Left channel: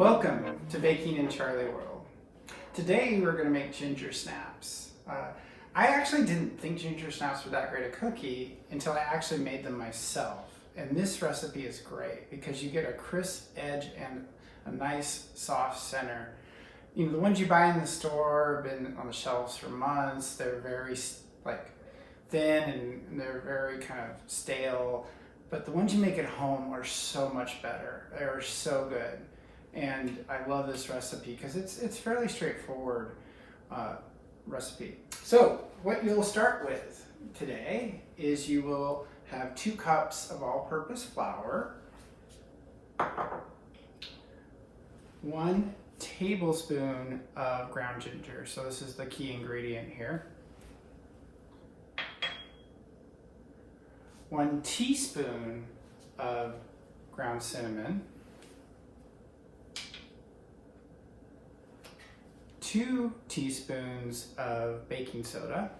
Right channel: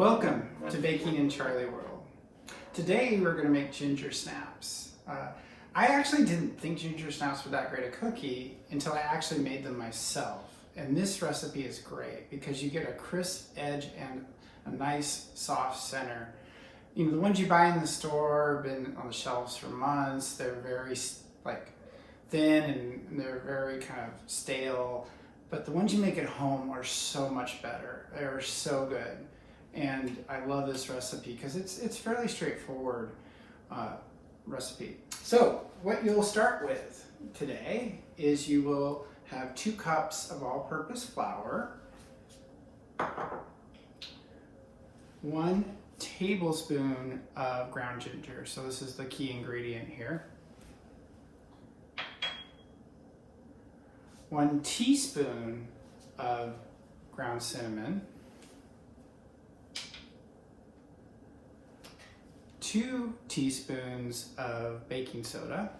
Welcome to Baking in Charlie World. Today we're going to make ginger snaps. I actually didn't think ginger snaps were that great a cookie until I actually made them myself. And this recipe is great because you get a crisp edge and a nice soft center. You know, the ones you buy in the store have been on the shelves for months. They're very thin and they're very kind of stale. But the ones you make at home are so much better. They're so good. And I love this recipe because it's fairly straightforward recipe. So what you'll start with today is you will have 2 cups of all-purpose flour, 1 tablespoon of ground ginger. So this is the key ingredient here. 1 teaspoon of ground cinnamon, 2 teaspoons of baking soda,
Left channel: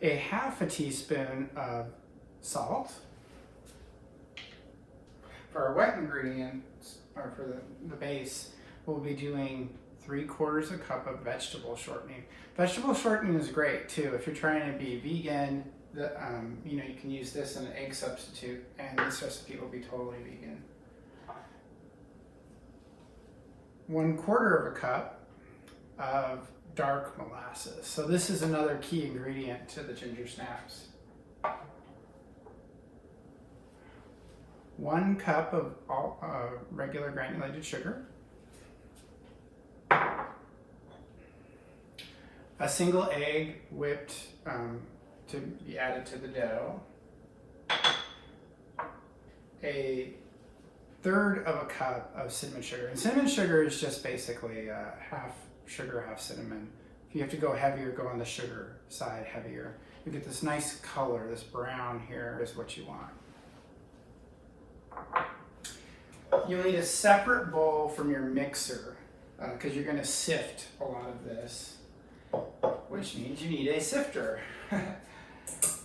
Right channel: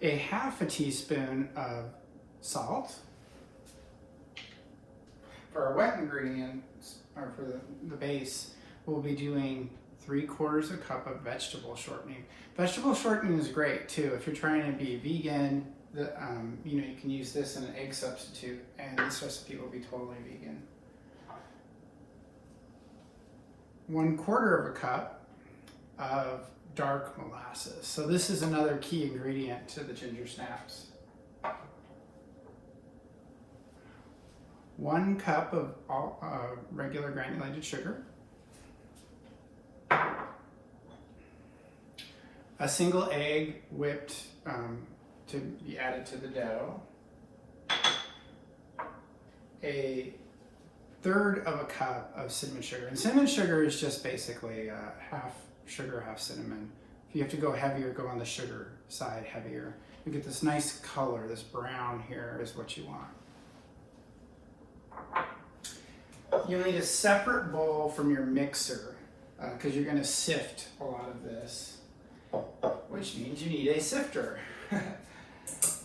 a half a teaspoon of salt. For our wet ingredients, or for the base, we'll be doing 3/4 cup of vegetable shortening. Vegetable shortening is great too. If you're trying to be vegan, you can use this in an egg substitute, and this recipe will be totally vegan. 1/4 cup of dark molasses. So this is another key ingredient to the ginger snaps. 1 cup of regular granulated sugar. A single egg whipped to be added to the dough. 1/3 cup of cinnamon sugar. And cinnamon sugar is just basically half sugar, half cinnamon. If you have to go heavier, go on the sugar side heavier. You get this nice color, this brown here is what you want. You'll need a separate bowl from your mixer because you're going to sift a lot of this, which means you need a sifter.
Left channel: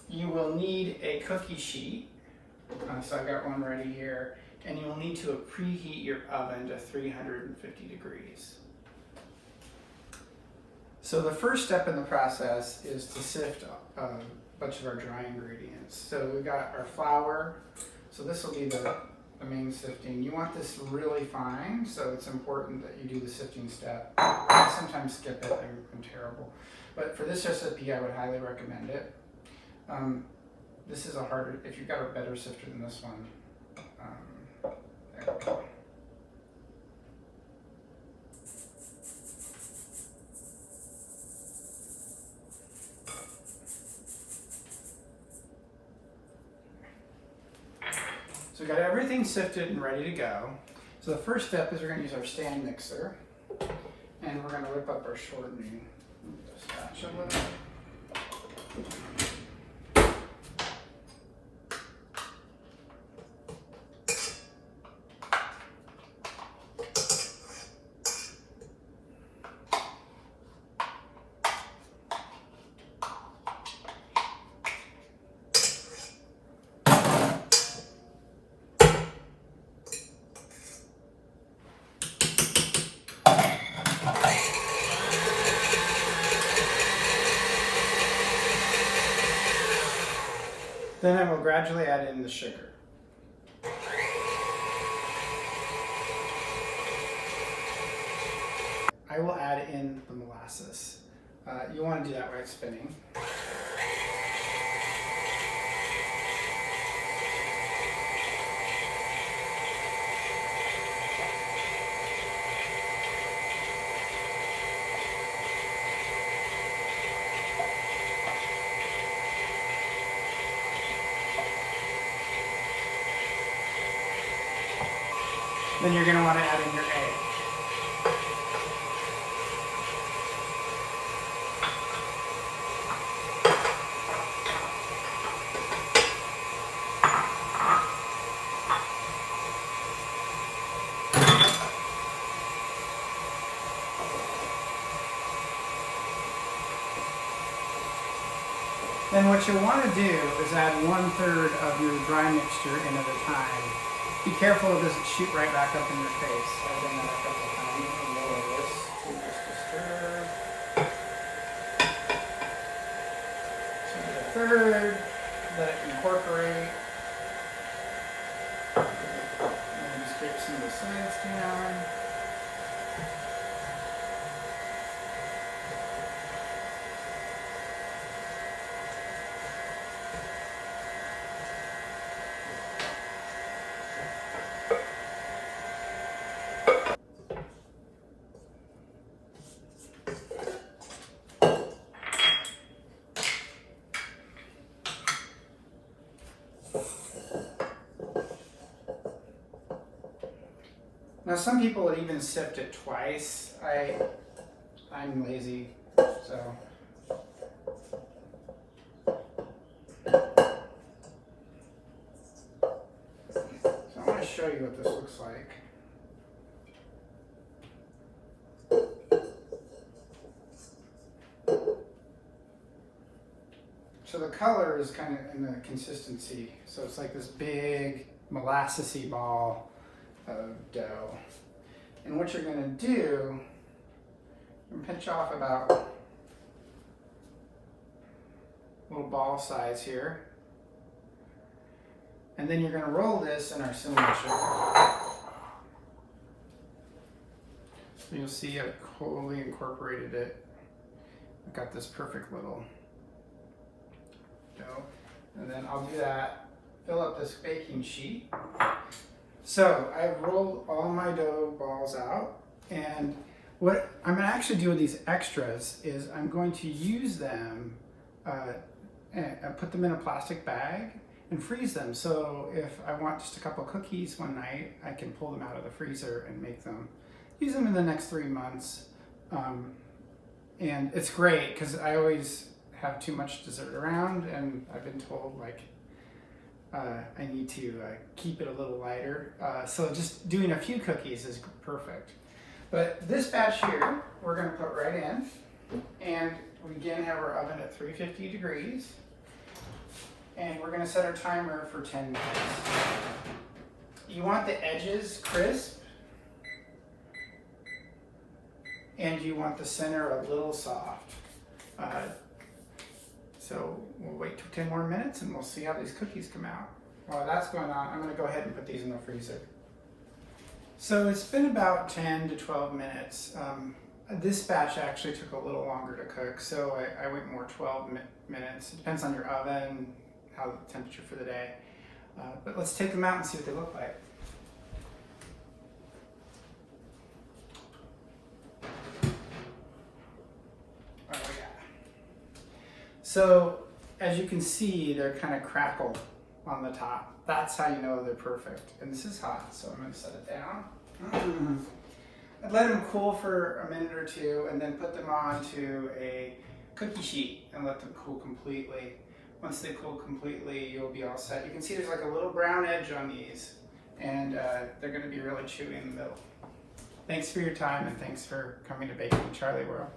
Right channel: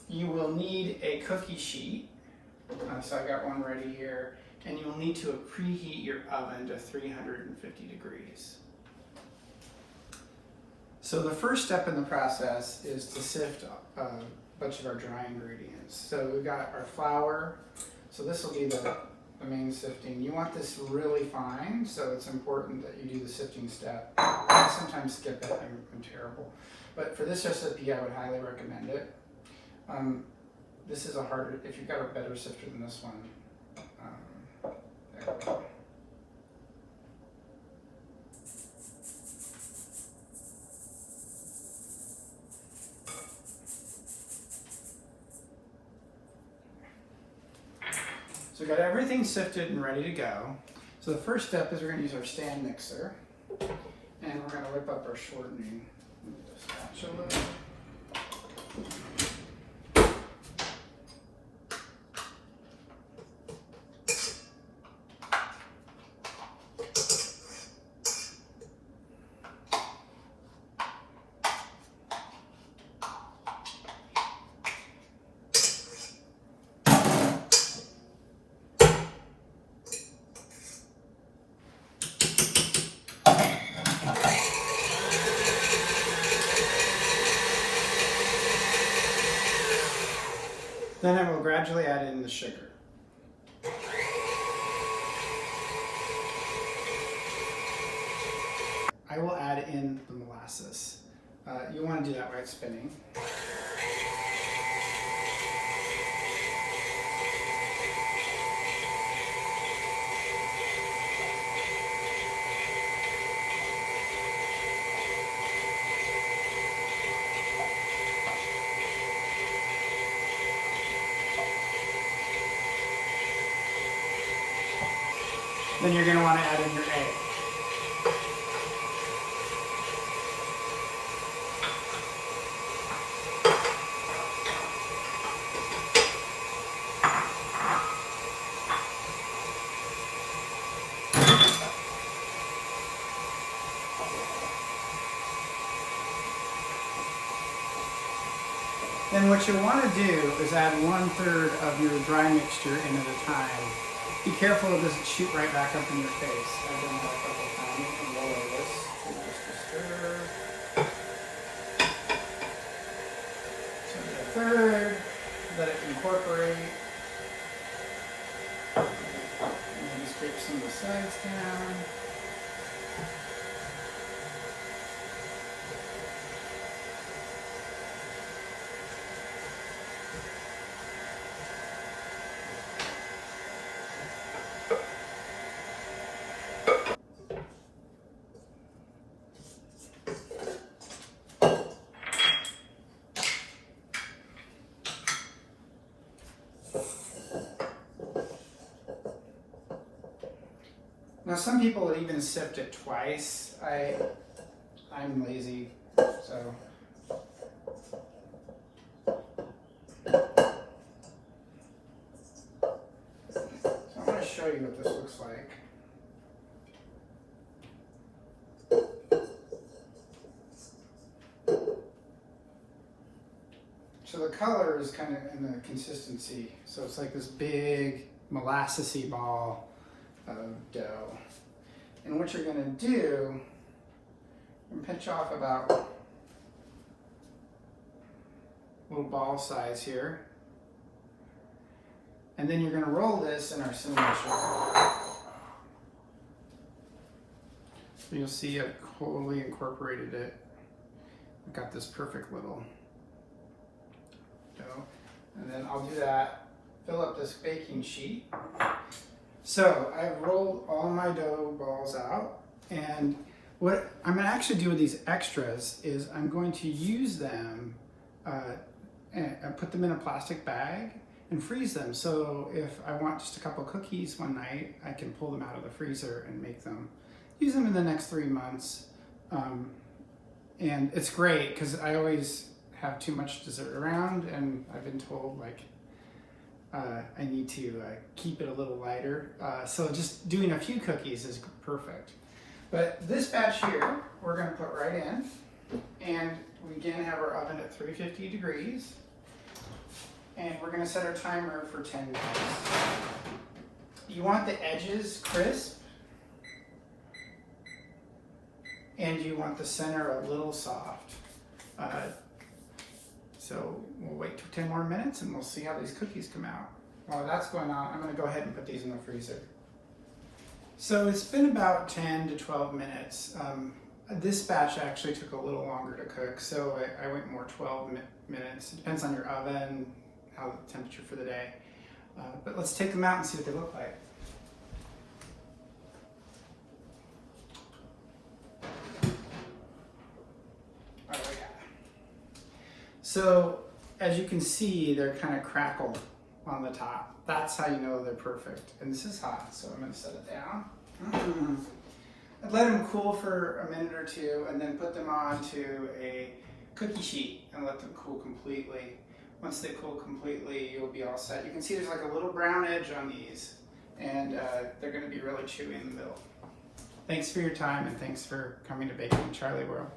You will need a cookie sheet, so I got one ready here, and you will need to preheat your oven to 350 degrees. So the first step in the process is to sift a bunch of our dry ingredients. So we've got our flour, so this will be the main sifting. You want this really fine, so it's important that you do the sifting step. I sometimes skip it, I'm terrible. But for this recipe, I would highly recommend it. This is if you've got a better sifter than this one, there we go. So we've got everything sifted and ready to go. So the first step is we're going to use our stand mixer, and we're going to whip up our shortening. Then I will gradually add in the sugar. I will add in the molasses. You want to do that while it's spinning. Then you're going to want to add in your egg. Then what you'll want to do is add 1/3 of your dry mixture in at a time. Be careful it doesn't shoot right back up in your face. I've done that a couple of times. And lower this to just a stir. So 1/3, let it incorporate. And just get some of the sides down. Now some people would even sift it twice. I'm lazy, so. I'm going to show you what this looks like. So the color is kind of in the consistency. So it's like this big molassesy ball of dough. And what you're going to do, pinch off about little ball size here. And then you're going to roll this in our cinnamon sugar. So you'll see I've totally incorporated it. I've got this perfect little dough. And then I'll do that, fill up this baking sheet. So I've rolled all my dough balls out, and what I'm going to actually do with these extras is I'm going to use them and put them in a plastic bag and freeze them. So if I want just a couple cookies one night, I can pull them out of the freezer and make them, use them in the next 3 months. And it's great because I always have too much dessert around, and I've been told like I need to keep it a little lighter. So just doing a few cookies is perfect. But this batch here, we're going to put right in, and we again have our oven at 350 degrees. And we're going to set our timer for 10 minutes. You want the edges crisp, and you want the center a little soft. So we'll wait 10 more minutes and we'll see how these cookies come out. While that's going on, I'm going to go ahead and put these in the freezer. So it's been about 10 to 12 minutes. This batch actually took a little longer to cook, so I went more 12 minutes. It depends on your oven, how the temperature for the day. But let's take them out and see what they look like. So as you can see, they're kind of crackled on the top. That's how you know they're perfect. And this is hot, so I'm going to set it down. I'd let them cool for a minute or two and then put them onto a cookie sheet and let them cool completely. Once they cool completely, you'll be all set. You can see there's like a little brown edge on these, and they're going to be really chewy in the middle. Thanks for your time, and thanks for coming to Baking Charlie World.